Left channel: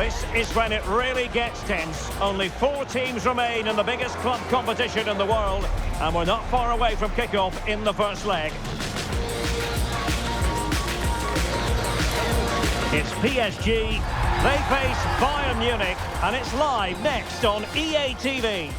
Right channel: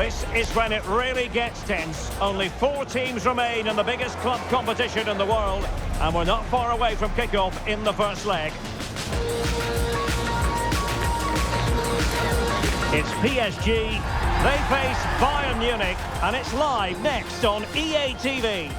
This is when it really gets tense. Only 4 teams remain in the biggest club competition in the world, and we're not far away from kick-off in the first leg. It's PSG, they face Bayern Munich, and it's live next on EA TV.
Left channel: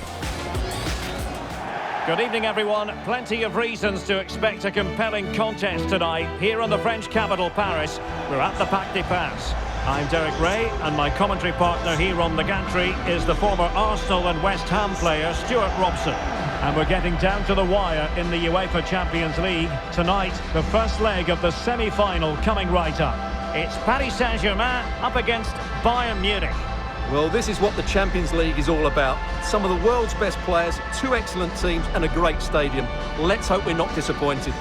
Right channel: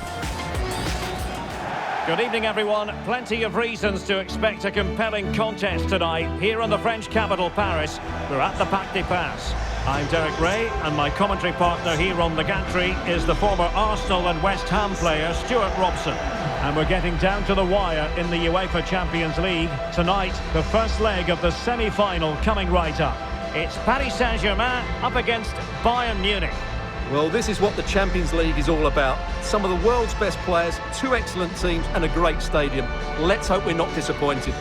Good evening, everyone. Plenty of reasons to expect a compelling contest tonight here in the French capital, Paris. We're at the Parc des Princes. I'm Derek Ray, and my commentary partner here on the gantry is the former Arsenal and West Ham player Stuart Robson. And we're getting down to the wire in the UEFA Champions League. Tonight, the first leg of the semi-final coming right up. It's Paris Saint-Germain up against Bayern Munich. Well, this is what the Champions League is all about. Some of the world's best players, 2 excellent teams and a great stadium. Let's hope we're not disappointed.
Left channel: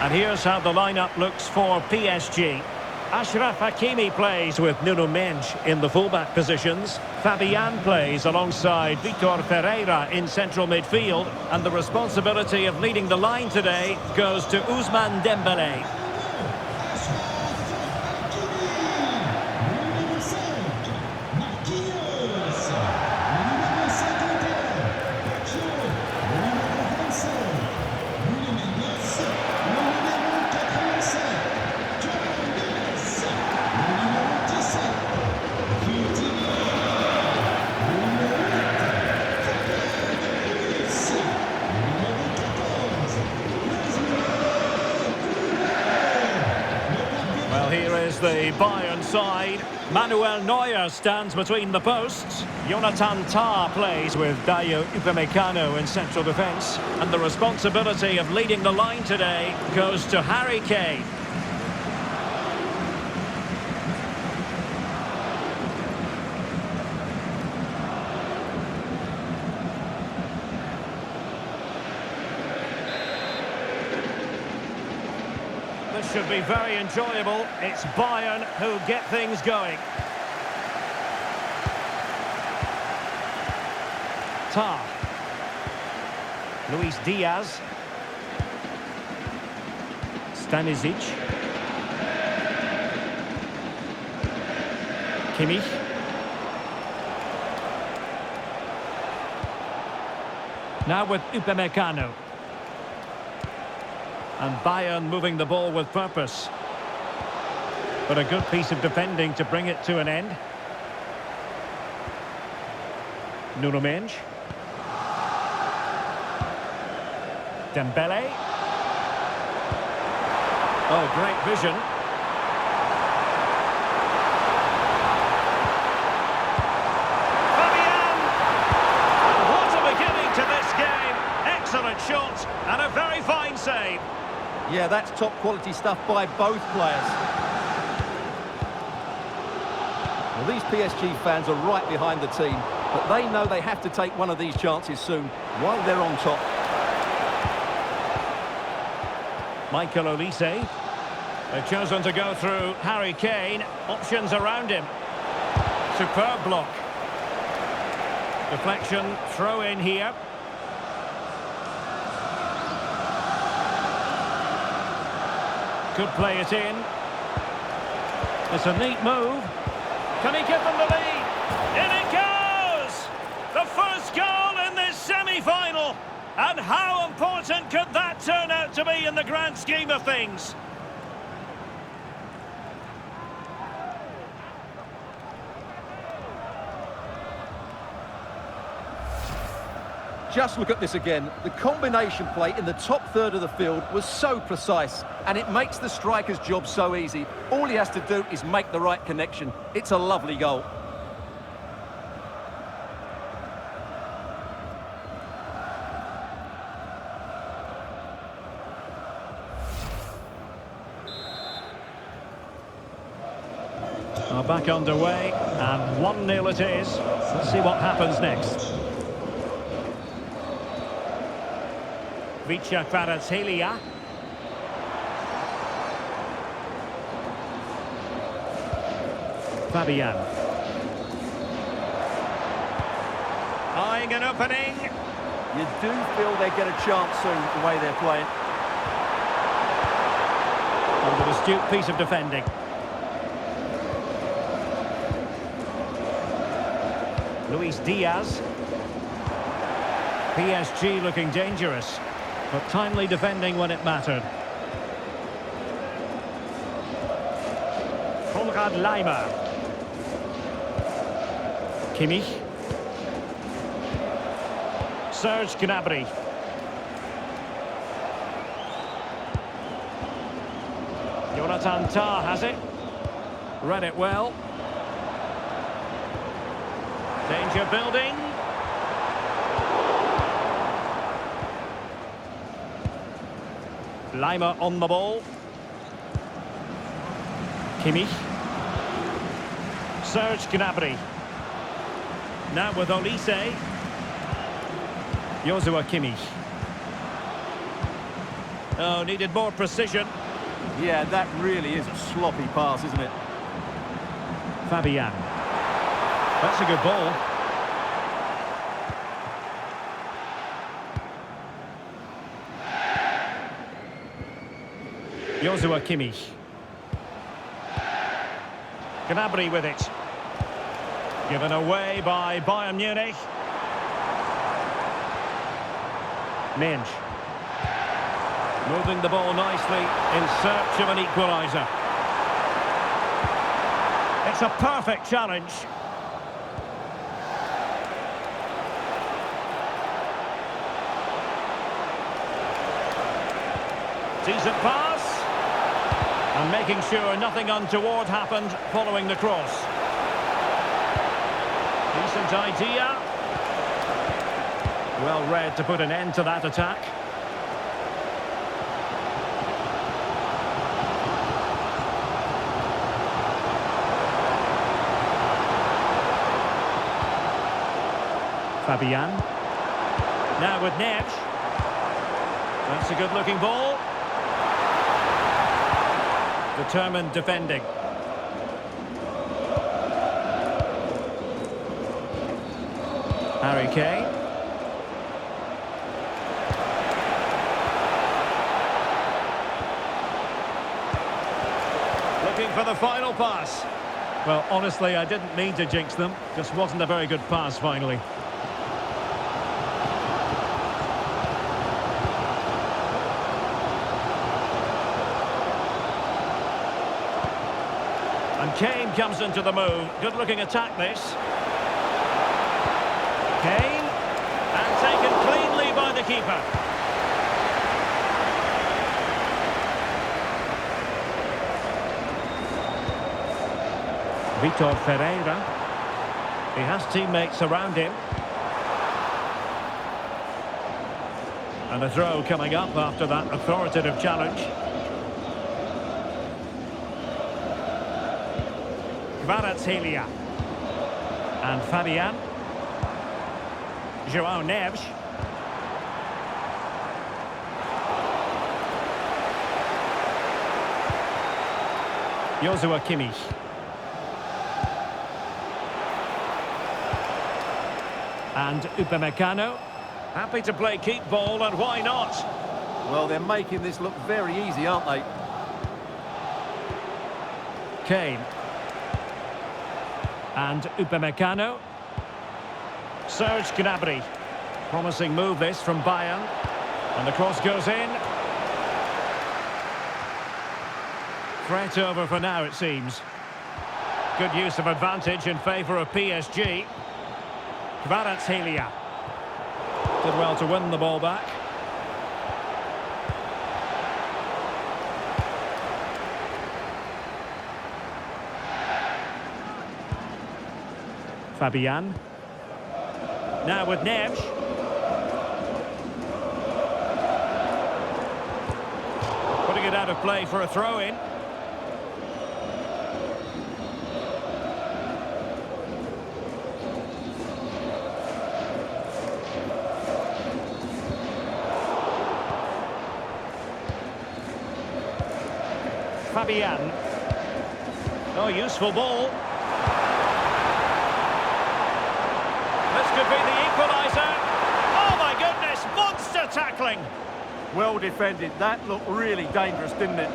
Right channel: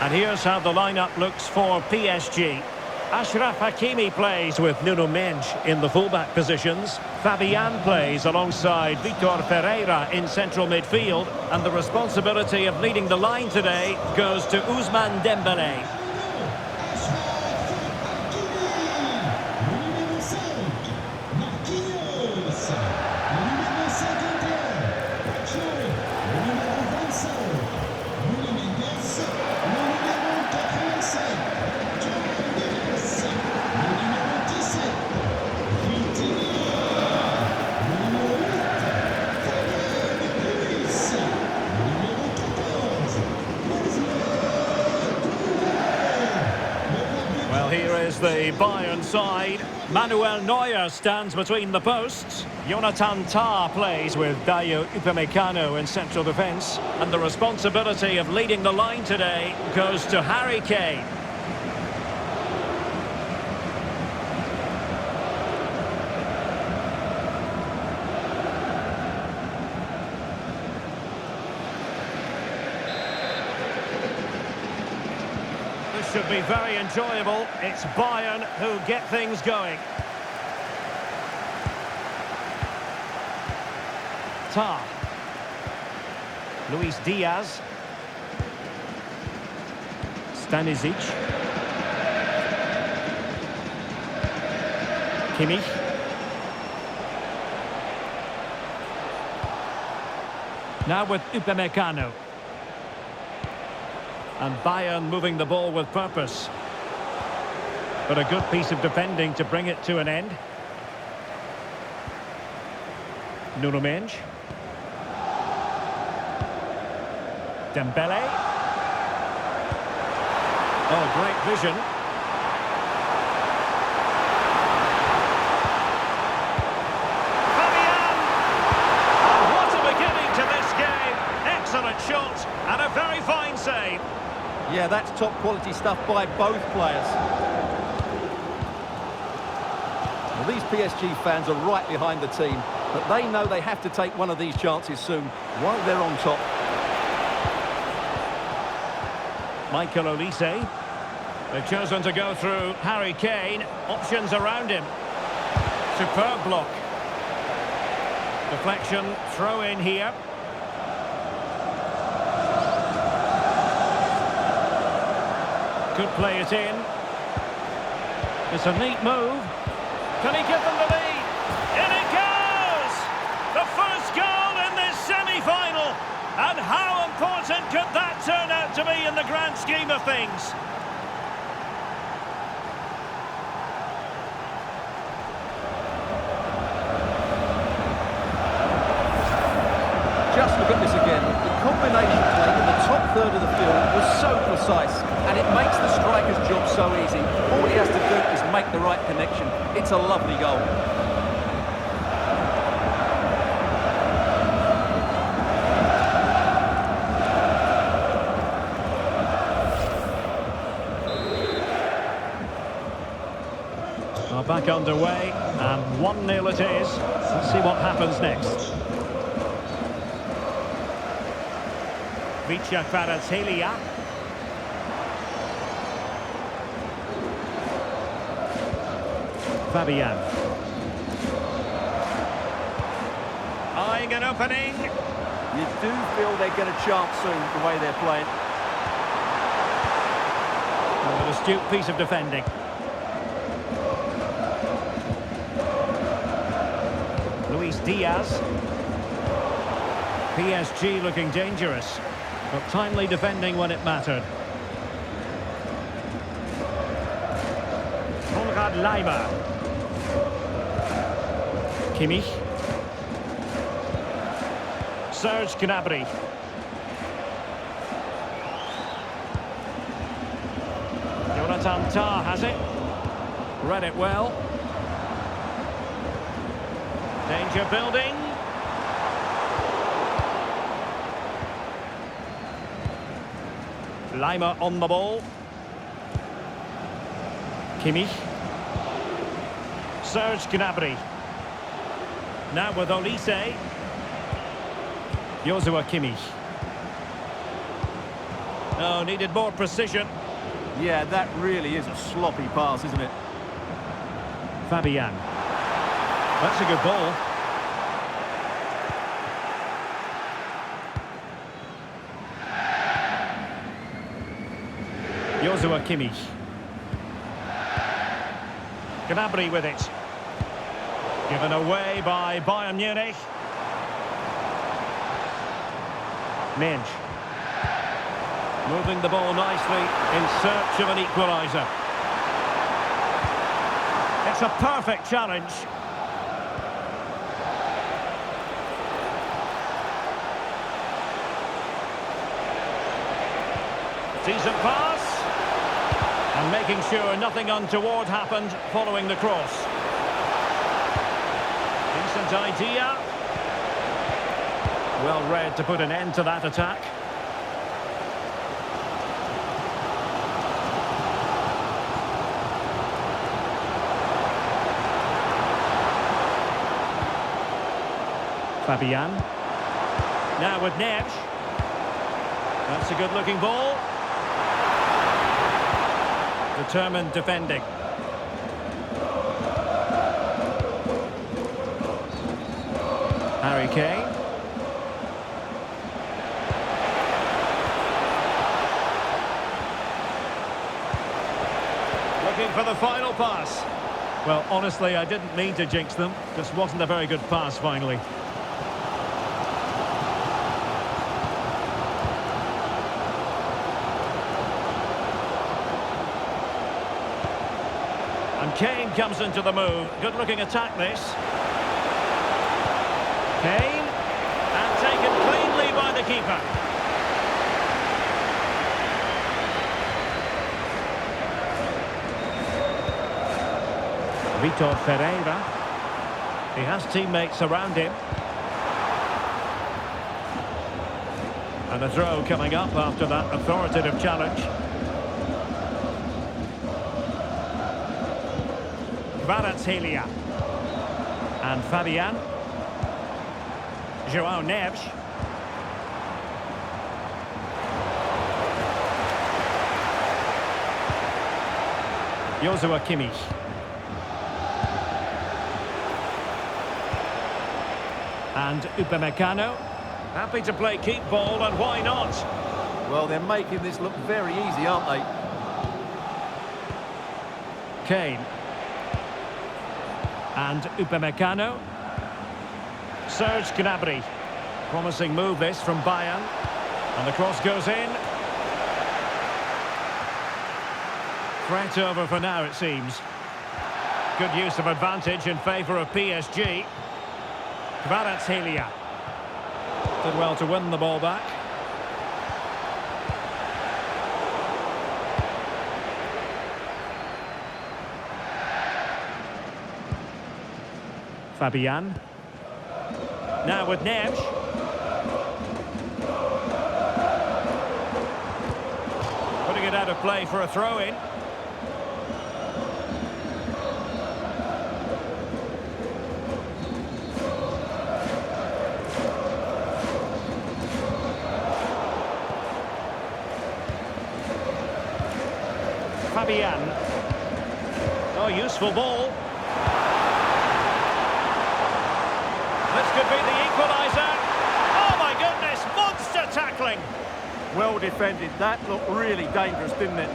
And here's how the lineup looks for PSG. Achraf Hakimi plays with Nuno Mendes in the fullback positions. Fabian plays alongside Vitor Ferreira in central midfield. And the responsibility of leading the line today goes to Ousmane Dembélé. Well, here is the Bayern side. Manuel Neuer stands between the posts. Jonathan Tah plays with Dayot Upamecano in central defence. And the responsibility of leading the line today goes to Harry Kane. This should be very enjoyable. It's Bayern who get things going. Tah. Luis Diaz. Stanisic. Kimmich. Now with Upamecano. And Bayern moving the ball with purpose. But a good piece of defending to bring it to an end. Nuno Mendes. Dembélé. Oh, great vision. Fabian! And what a beginning to this game. Excellent shot and a very fine save. Yeah, that's top quality stuff by both players. Well, these PSG fans are right behind the team, but they know they have to take one of these chances soon while they're on top. Michael Olise. They've chosen to go through Harry Kane. Options around him. Superb block. Deflection, throw in here. Could play it in. It's a neat move. Can he give them the lead? In it goes! The first goal in this semi-final. And how important could that turn out to be in the grand scheme of things? Just look at this again. The combination play in the top third of the field was so precise, and it makes the striker's job so easy. All he has to do is make the right connection. It's a lovely goal. Back underway, and 1-0 it is. Let's see what happens next. Vicha Kvaratskhelia. Fabian. Eyeing an opening. You do feel they get a chance soon, the way they're playing. And an astute piece of defending. Luis Diaz. PSG looking dangerous, but timely defending when it mattered. Konrad Laimer. Kimmich. Serge Gnabry. Jonathan Tah has it. Read it well. Danger building. Laimer on the ball. Kimmich. Serge Gnabry. Now with Olise. Joshua Kimmich. Oh, needed more precision. Yeah, that really is a sloppy pass, isn't it? Fabian. That's a good ball. Joshua Kimmich. Gnabry with it. Given away by Bayern Munich. Mensch. Moving the ball nicely in search of an equaliser. It's a perfect challenge. Decent pass. And making sure nothing untoward happened following the cross. Decent idea. Well read to put an end to that attack. Fabian. Now with Neves. That's a good-looking ball. Determined defending. Harry Kane. Looking for the final pass. Well, honestly, I didn't mean to jinx them. Just wasn't a very good pass finally. And Kane comes into the move. Good-looking attack, this. Kane. And taken cleanly by the keeper. Vitor Ferreira. He has teammates around him. And a throw coming up after that authoritative challenge. Kvaratskhelia. And Fabian. Joao Neves. Joshua Kimmich. And Upamecano. Happy to play keep ball, and why not? Well, they're making this look very easy, aren't they? Kane. And Upamecano. Serge Gnabry. Promising move this from Bayern. And the cross goes in. Threat over for now, it seems. Good use of advantage in favour of PSG. Kvaratskhelia. Did well to win the ball back. Fabian. Now with Neves. Putting it out of play for a throw-in. Fabian. Oh, useful ball. This could be the equaliser. Oh my goodness, monster tackling. Well defended. That looked really dangerous, didn't it?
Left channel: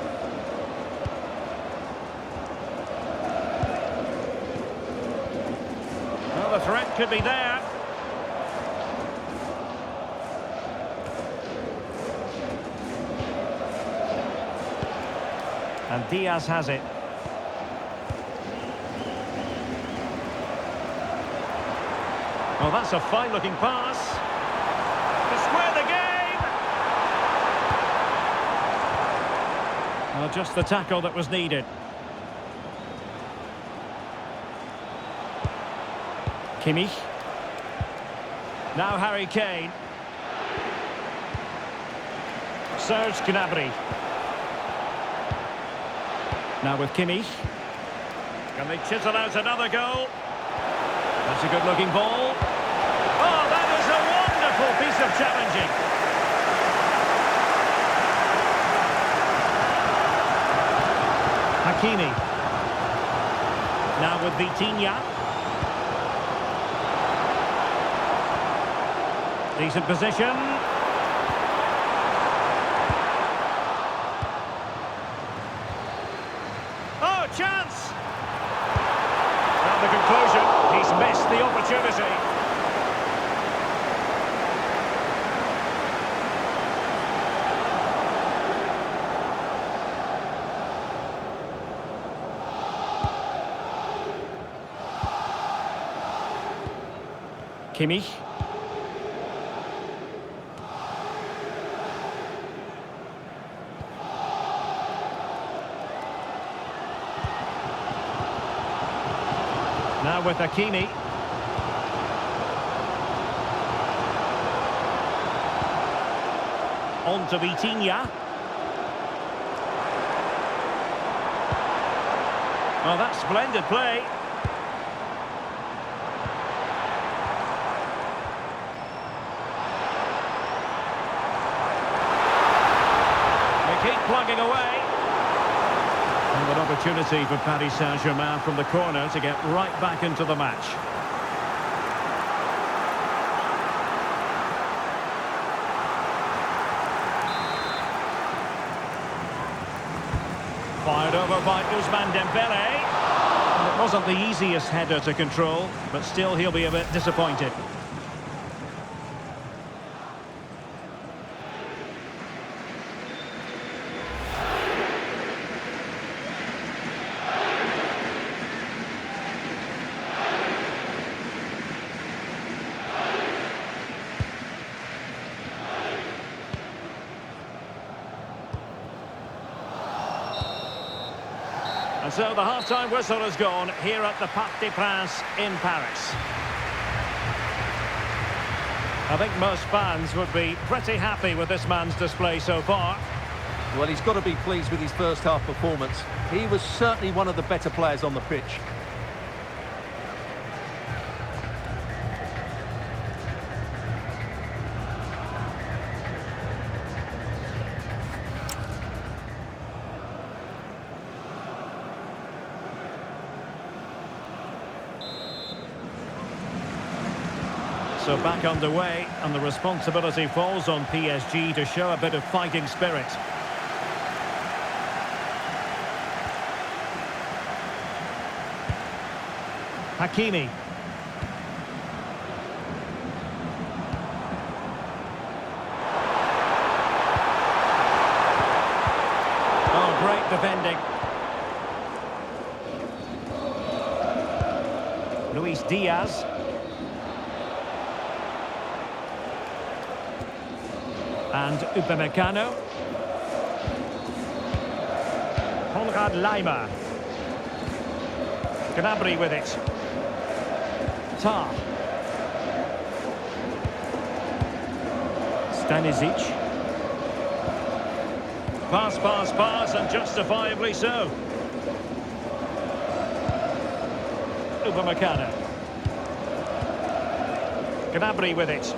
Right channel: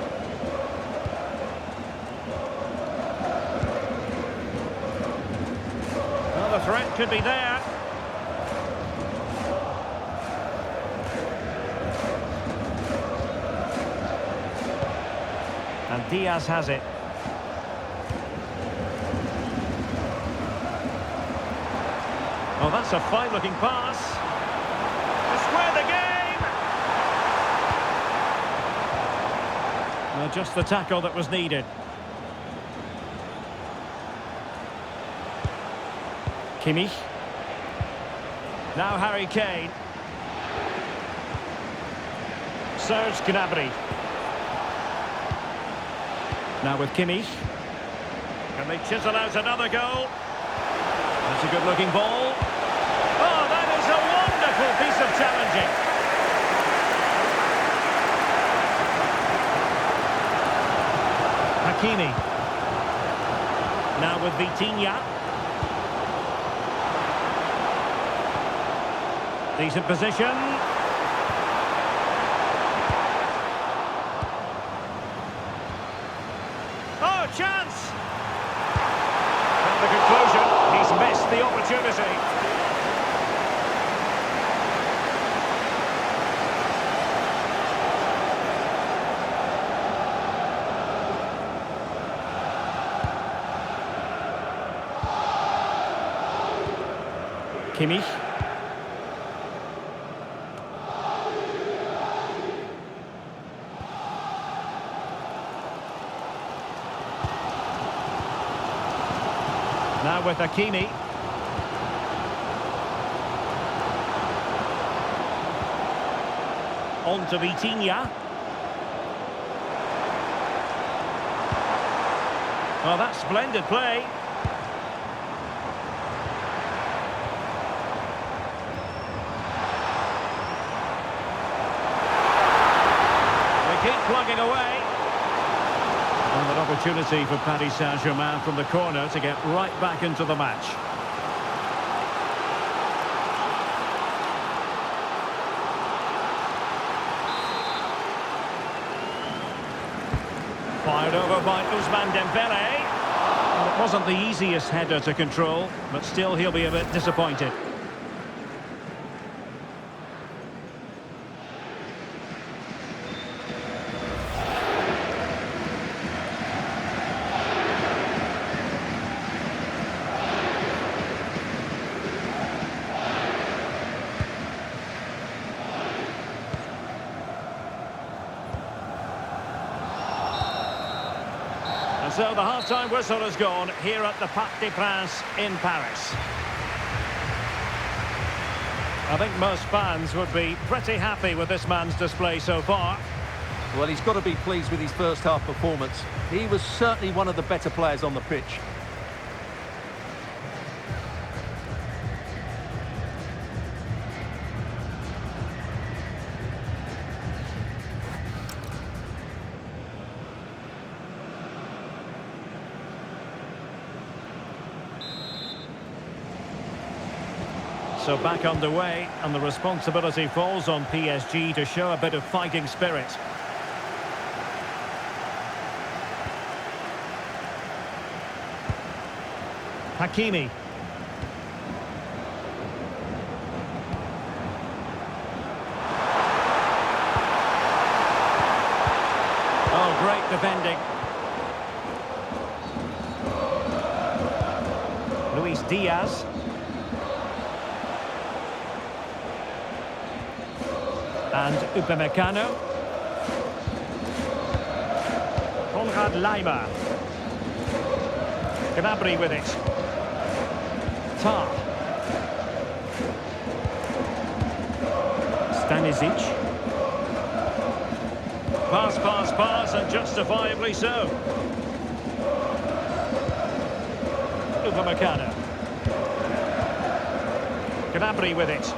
Well, the threat could be there. And Diaz has it. Oh, that's a fine-looking pass. To square the game! Well, just the tackle that was needed. Kimmich. Now Harry Kane. Serge Gnabry. Now with Kimmich. Can they chisel out another goal? That's a good-looking ball. Oh, that is a wonderful piece of challenging. Hakimi. Now with Vitinha. Decent position. Oh, chance! Well, the conclusion, he's missed the opportunity. Kimmich. Now with Hakimi. On to Vitinha. Oh, that's splendid play. They keep plugging away. And an opportunity for Paris Saint-Germain from the corner to get right back into the match. Fired over by Ousmane Dembele. And it wasn't the easiest header to control, but still he'll be a bit disappointed. And so the half-time whistle has gone here at the Parc des Princes in Paris. I think most fans would be pretty happy with this man's display so far. Well, he's got to be pleased with his first half performance. He was certainly one of the better players on the pitch. So back underway, and the responsibility falls on PSG to show a bit of fighting spirit. Hakimi. Oh, great defending. Luis Diaz. And Upamecano. Konrad Laimer. Gnabry with it. Tar. Stanisic. Pass, and justifiably so. Upamecano. Gnabry with it.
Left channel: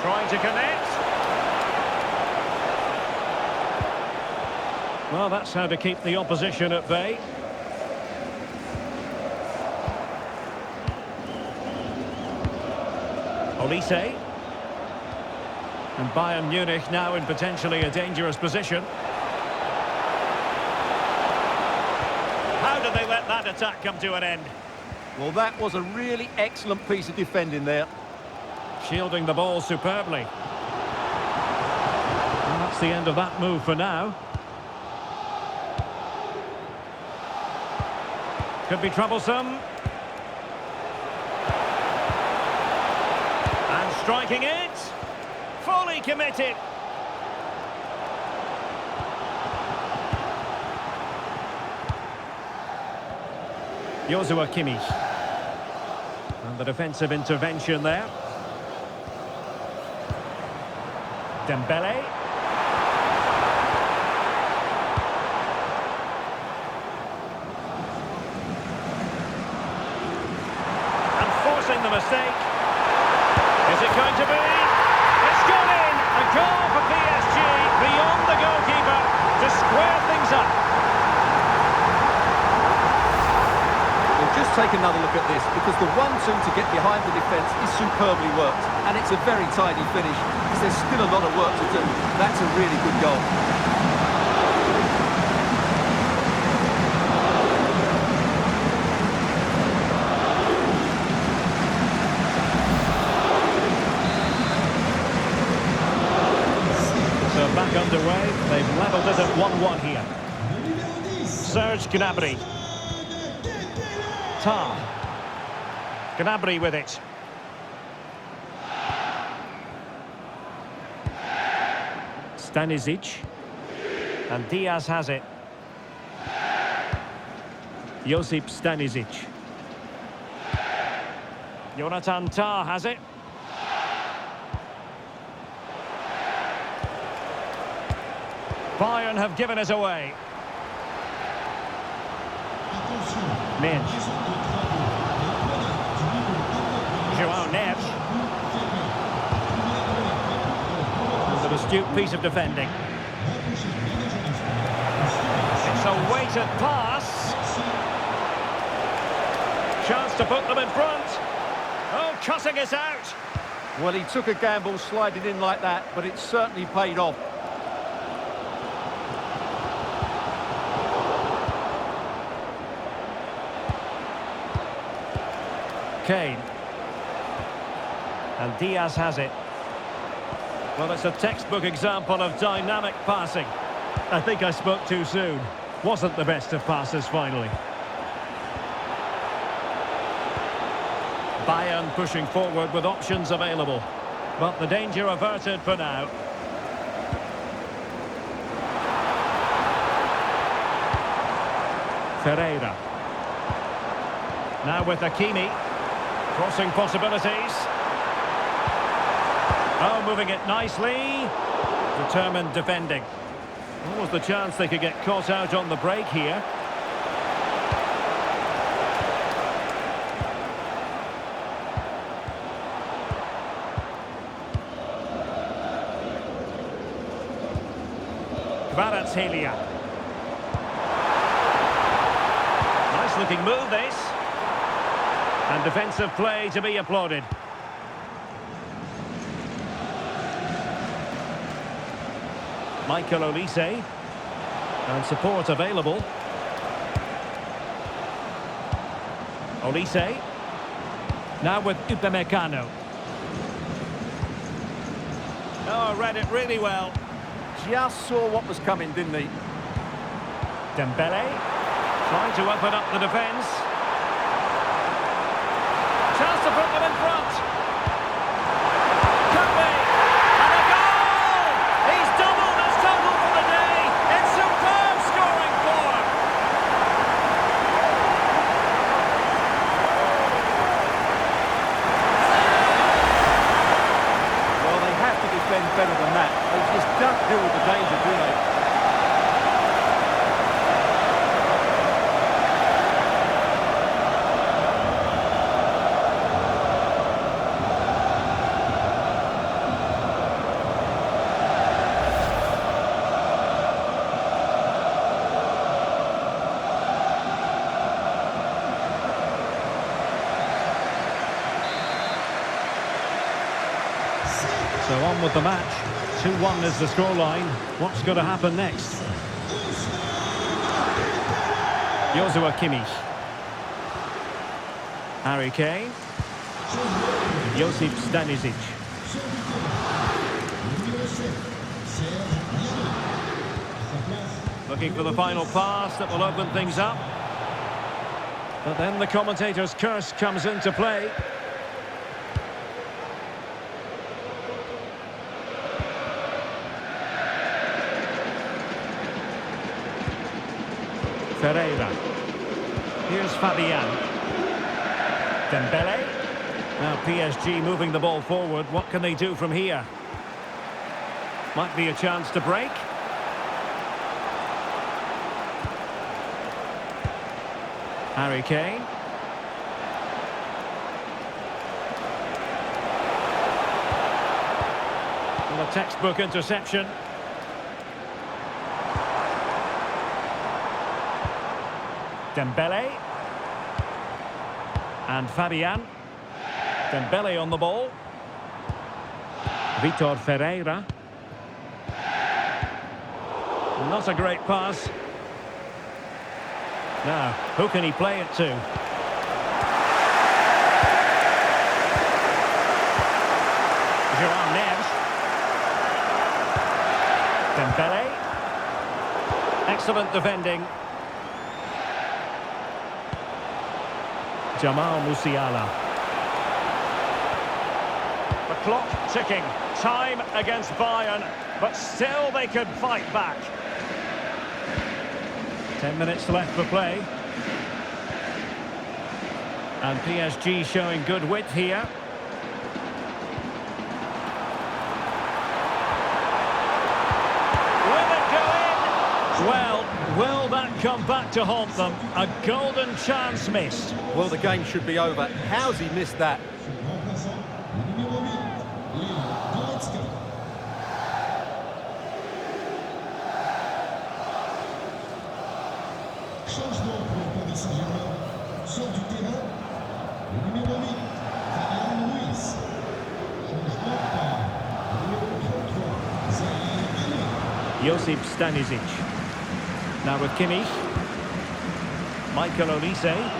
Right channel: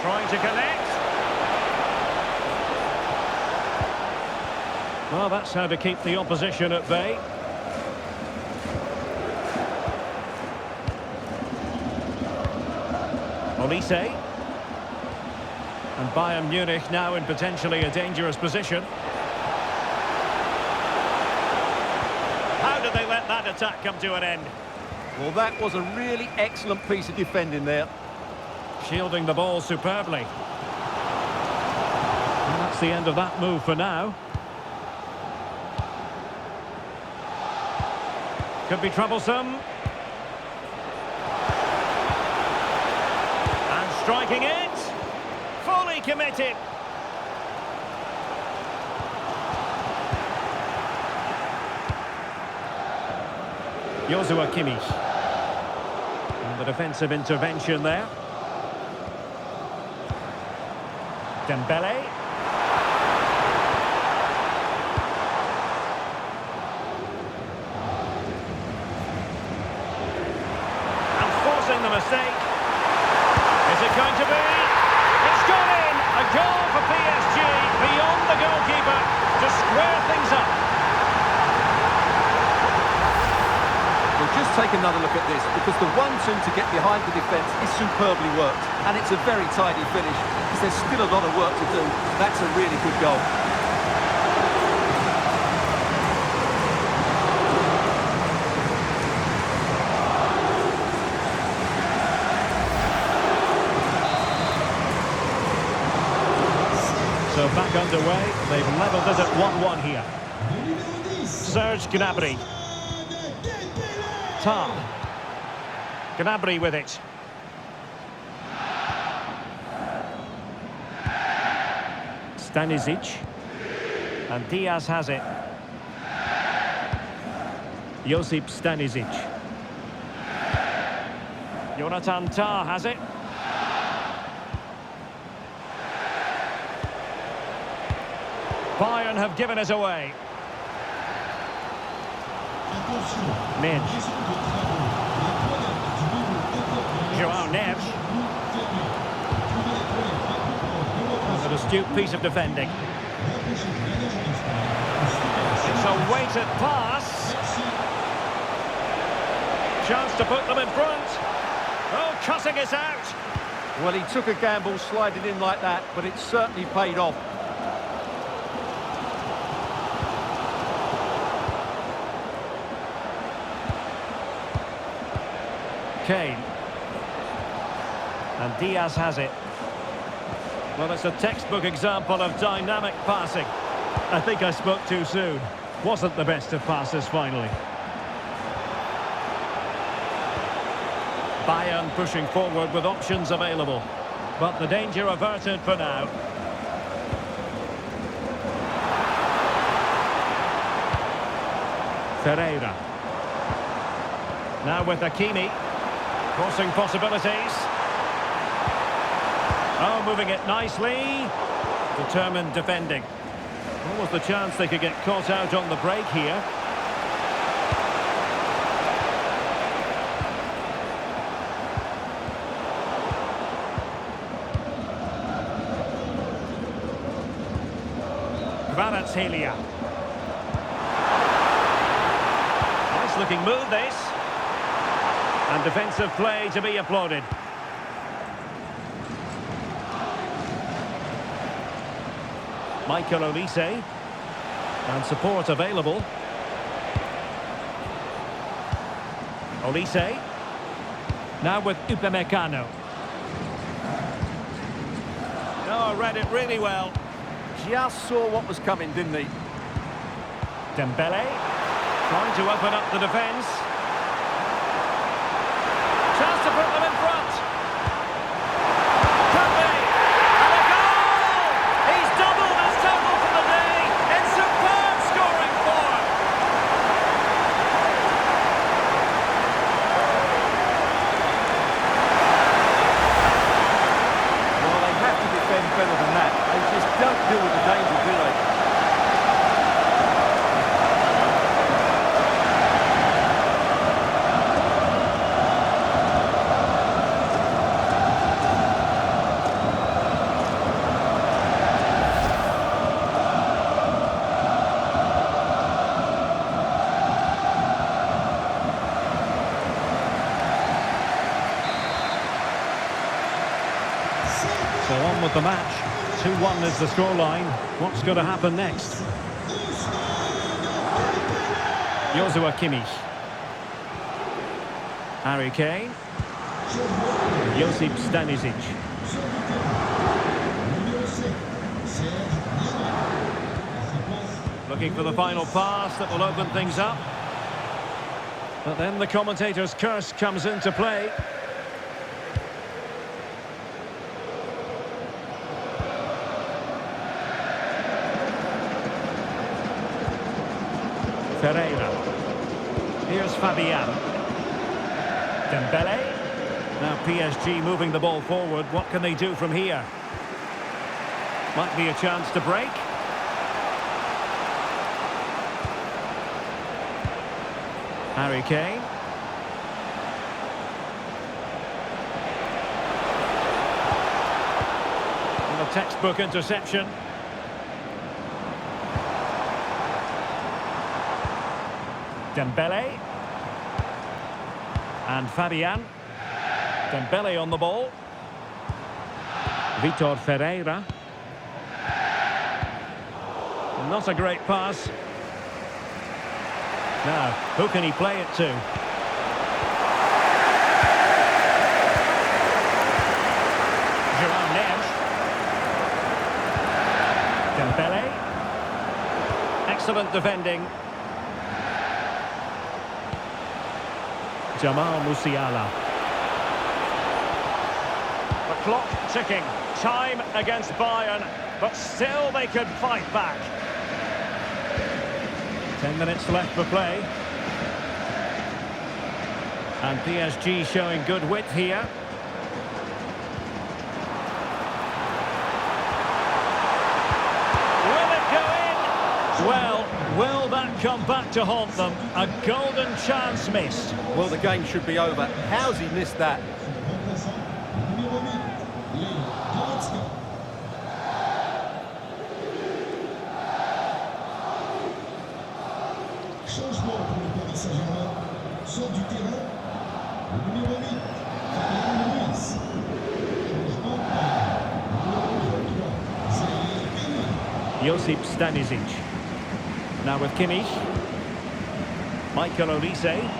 Trying to connect. Well, that's how to keep the opposition at bay. Olise. And Bayern Munich now in potentially a dangerous position. How did they let that attack come to an end? Well, that was a really excellent piece of defending there. Shielding the ball superbly. Well, that's the end of that move for now. Could be troublesome. And striking it. Fully committed. Joshua Kimmich. And the defensive intervention there. Dembele. And forcing the mistake. Is it going to be? It's gone in! A goal for PSG beyond the goalkeeper to square things up. We'll just take another look at this, because the 1-2 to get behind the defence is superbly worked, and it's a very tidy finish, because there's still a lot of work to do. That's a really good goal. So back underway, they've levelled it at 1-1 here. Serge Gnabry. Tar. Gnabry with it. Stanisic. And Diaz has it. Josip Stanisic. Jonathan Tah has it. Bayern have given it away. Minge. João Neves. And an astute piece of defending. It's a weighted pass. Chance to put them in front. Oh, cutting it out. Well, he took a gamble sliding in like that, but it certainly paid off. Kane. And Diaz has it. Well, it's a textbook example of dynamic passing. I think I spoke too soon. Wasn't the best of passes finally. Bayern pushing forward with options available. But the danger averted for now. Ferreira. Now with Hakimi. Crossing possibilities. Oh, moving it nicely. Determined defending. What was the chance they could get caught out on the break here? Kvaratskhelia. Nice looking move this. And defensive play to be applauded. Michael Olise. And support available. Olise. Now with Upamecano. Oh, read it really well. Just saw what was coming, didn't he? Dembele. Trying to open up the defence. Chance to put them in front. Could be. And a goal! He's doubled his total for the day in superb scoring form. Well, they have to defend better than that. They just don't deal with the danger, do they? So on with the match. 2-1 is the scoreline. What's going to happen next? Joshua Kimmich. Harry Kane. Josip Stanisic. Looking for the final pass that will open things up. But then the commentator's curse comes into play. Ferreira. Here's Fabian. Dembele. Now PSG moving the ball forward. What can they do from here? Might be a chance to break. Harry Kane. And a textbook interception. Dembele. And Fabian. Dembele on the ball. Vitor Ferreira. Not a great pass. Now, who can he play it to? João Neves. Dembele. Excellent defending. Jamal Musiala. The clock ticking. Time against Bayern, but still they could fight back. 10 minutes left for play. And PSG showing good width here. Will it go in? Well, will that come back to haunt them? A golden chance missed. Well, the game should be over. How's he missed that? Changement pour le Paris Saint-Germain. Sort du terrain. Le numéro 8, Bayern Munich. Changement par numéro 33, Saint-Germain. Josip Stanisic. Now with Kimmich. Michael Olise.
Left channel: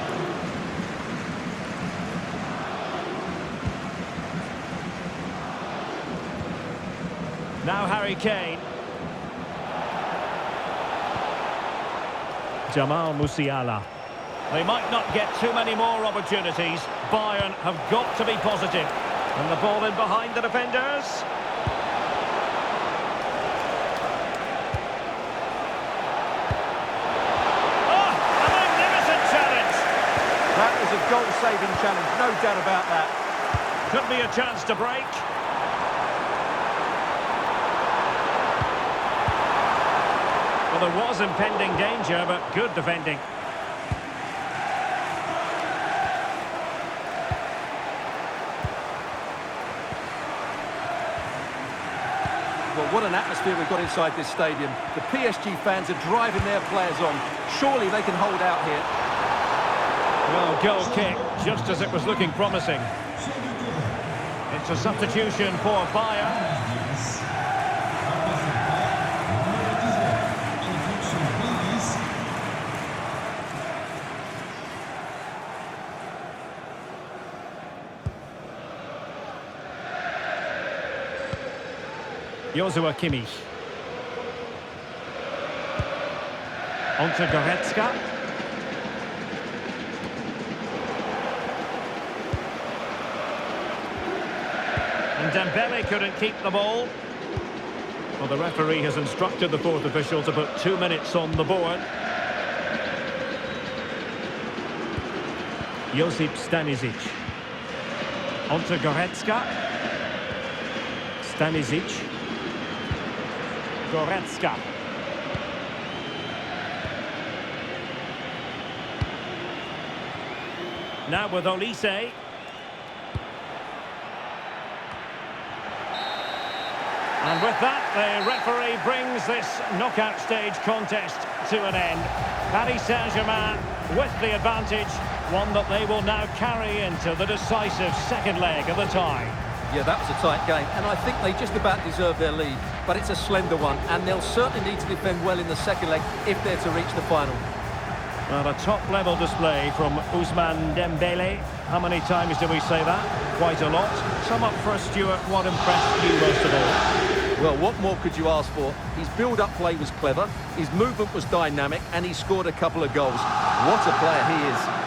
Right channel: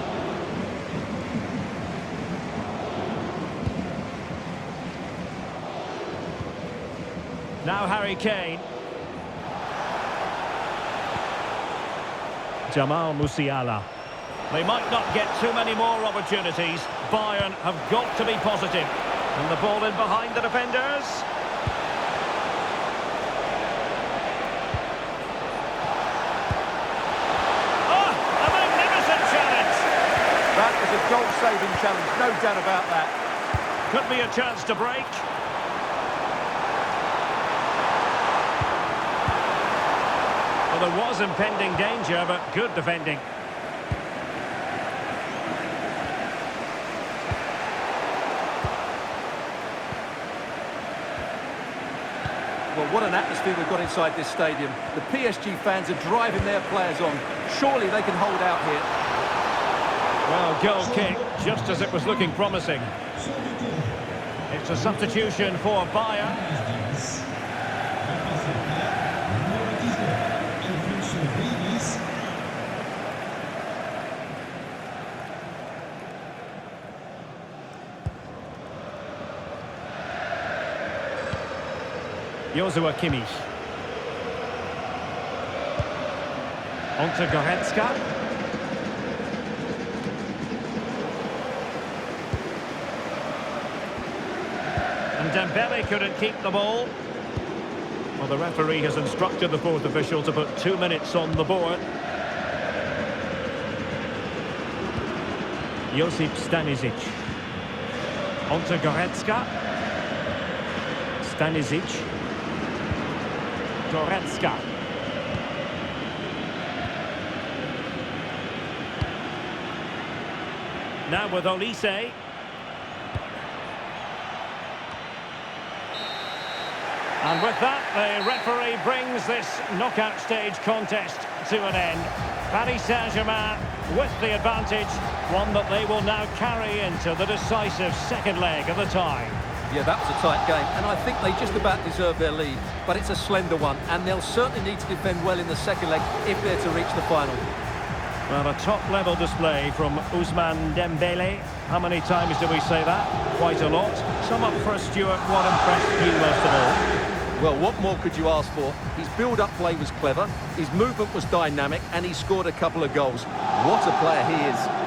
Now Harry Kane. Jamal Musiala. They might not get too many more opportunities. Bayern have got to be positive. And the ball in behind the defenders. Oh, a magnificent challenge. That was a goal-saving challenge, no doubt about that. Could be a chance to break. Well, there was impending danger, but good defending. Well, what an atmosphere we've got inside this stadium. The PSG fans are driving their players on. Surely they can hold out here. Well, goal kick, just as it was looking promising. It's a substitution for Bayern. Joshua Kimmich. On to Goretzka. And Dembele couldn't keep the ball. Well, the referee has instructed the fourth official to put 2 minutes on the board. Josip Stanisic. On to Goretzka. Stanisic. Goretzka. Now with Olise. And with that, the referee brings this knockout stage contest to an end. Paris Saint-Germain with the advantage, one that they will now carry into the decisive second leg of the tie. Yeah, that was a tight game, and I think they just about deserve their lead, but it's a slender one, and they'll certainly need to defend well in the second leg if they're to reach the final. Well, a top-level display from Ousmane Dembele. How many times do we say that? Quite a lot. Sum up for us, Stuart. What impressed you most of all? Well, what more could you ask for? His build-up play was clever, his movement was dynamic, and he scored a couple of goals. What a player he is.